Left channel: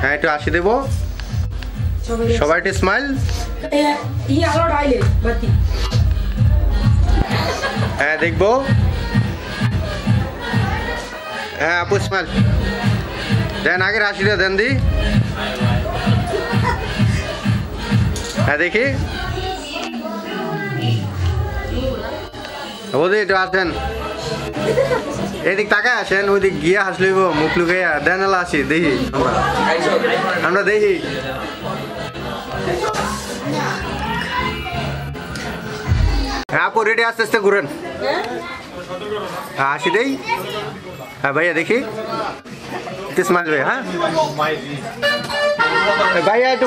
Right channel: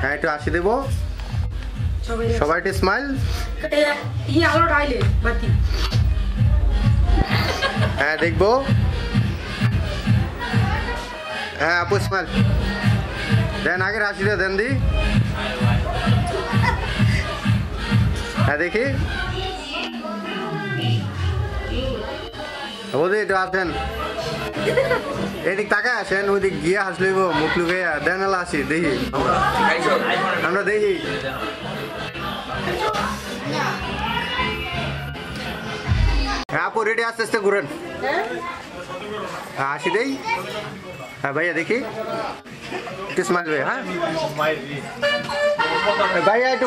হ্যাঁ একটু হাসি দেবো সবাই একটু স্মাইল হ্যাঁ দেখবো হ্যাঁ আপু স্মাইল দেন আগের হাসিটা দেন দি হ্যাঁ দেখি ওদি একটু আসেন এদিক তাকায় আসেন ওইদিক গিয়া হাসলিব মুখ লুকাইয়া দেন এলা আসি দেখি আমরা দেখি হ্যাঁ আপু রেডি আস্তে আস্তে ঘুরেন হ্যাঁ হাসি দেই হ্যাঁ ভাইয়া দেখি স্মাইল ভাই হ্যাঁ ভাইয়া একটু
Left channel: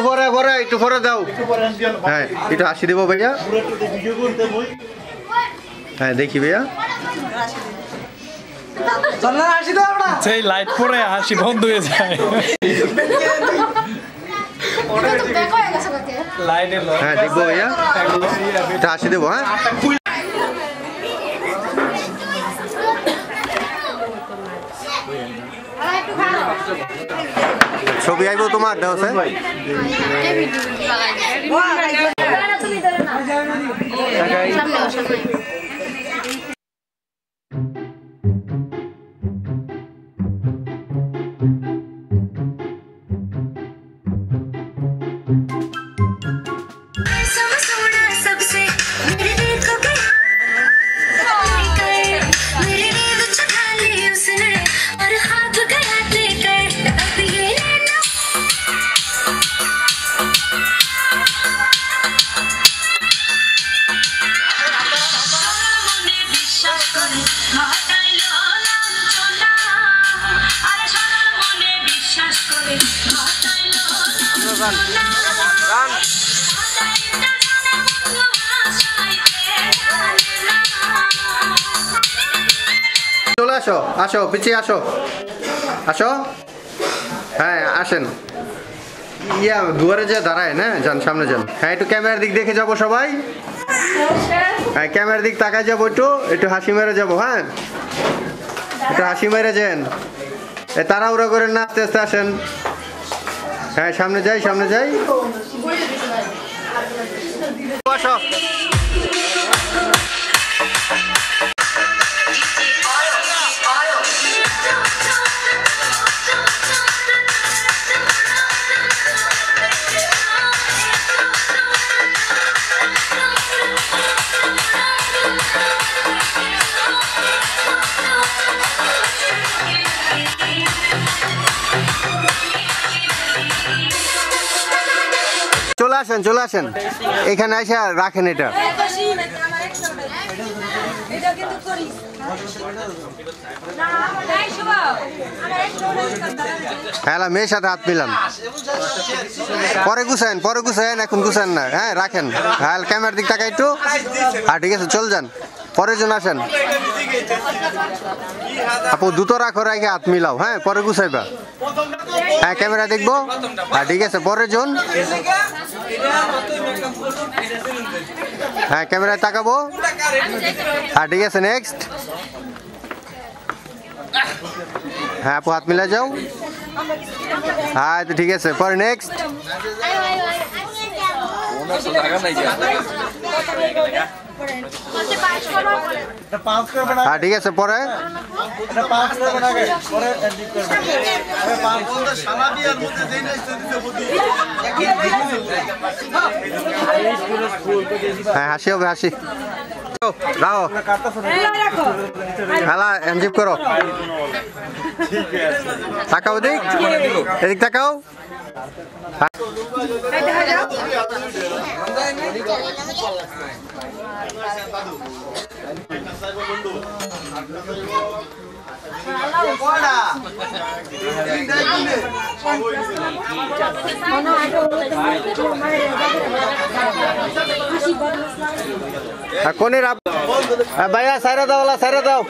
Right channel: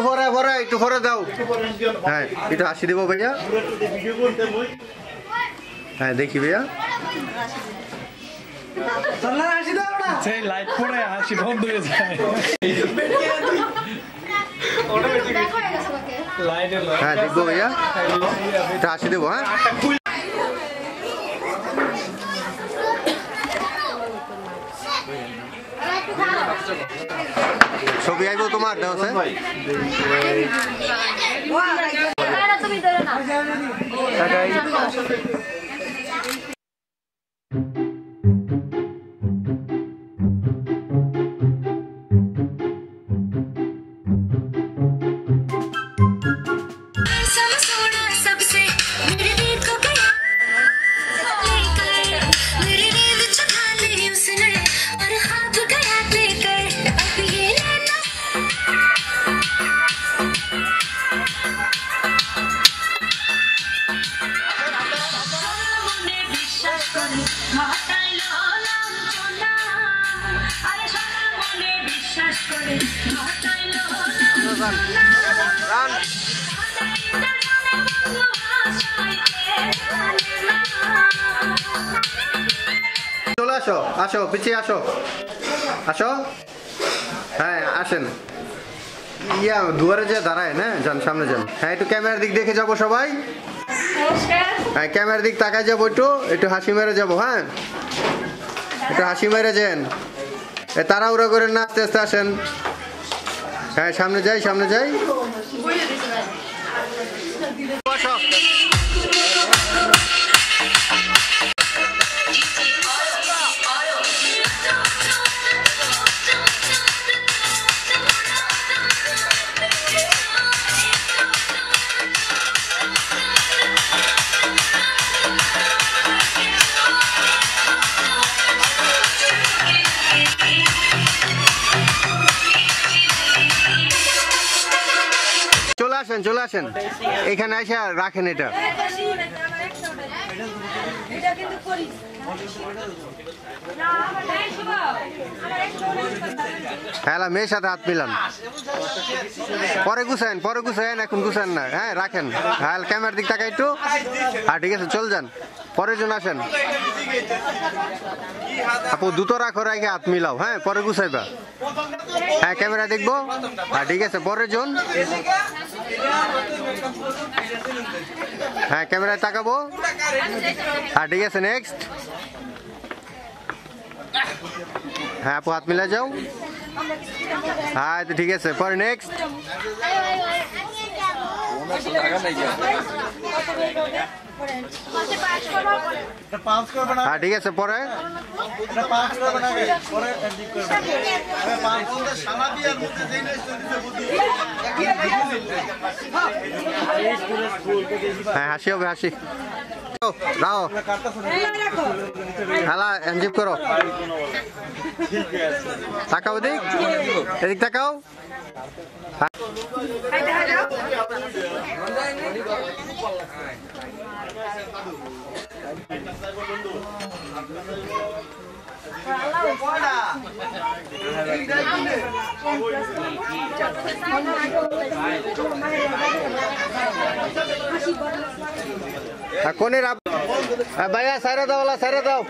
পরে দাও হ্যাঁ একটু হাসি দেবো ভাইয়া হ্যাঁ দেখি ভাইয়া সেই লাইট পরে হাসি বন্ধ হয়ে যায় হ্যাঁ দেখবো ভাইয়া এটা হাসি দেবো হ্যাঁ ছবি আইব তোমার দাও স্যার চলে আসো আসো পিছিয়ে আসো আসো হ্যাঁ আসেন ইয়া দুয়ারে যে দাঁড়ায় না যান সামনে যান হ্যাঁ একটু ক্যামেরার দিক দেখে যাবো সবাই হ্যাঁ ক্যামেরার দিক তাকায় যাবো একটু হাসি মেরে যাবো হ্যাঁ একটু হাসি মেরে যান তাড়াহুড়ো করেন না আস্তে আস্তে আসেন হ্যাঁ সামনে যাই আসো চলে আসেন এখানে এসে রাখেন এটা হ্যাঁ মেয়ের সাথে হাত মিলান পরে গুছায়েন এখন গুছান না হ্যাঁ রাখেন হ্যাঁ ক্যামেরার দিক টাকা একটু আর ঠিক আছে চল যান পরের জন আসেন আপু দুটো রাখো রেখে হাত মিলাও হ্যাঁ পরে গুছাইবা হ্যাঁ ক্যামেরা দেখবো আর ঠিক আছে পরের জন হ্যাঁ ক্যামেরায় তাকাবো আর ঠিক আছে নেক্সট হ্যাঁ আপু হাত মিলা যাও হ্যাঁ তো ঠিক আছে পরে নেক্সট হ্যাঁ ঠিক আছে পরে হ্যাঁ হাসি হবে হাসি রাও হালা এনজিপ করো তাকাও এদিক তাকাও কোনে ভাইয়া সাইরা দাও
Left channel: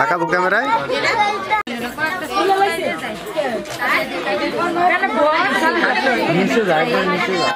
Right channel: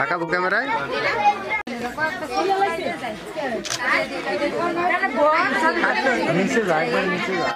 তাকাবো ক্যামেরায় নিচে যা একবার নিচে যা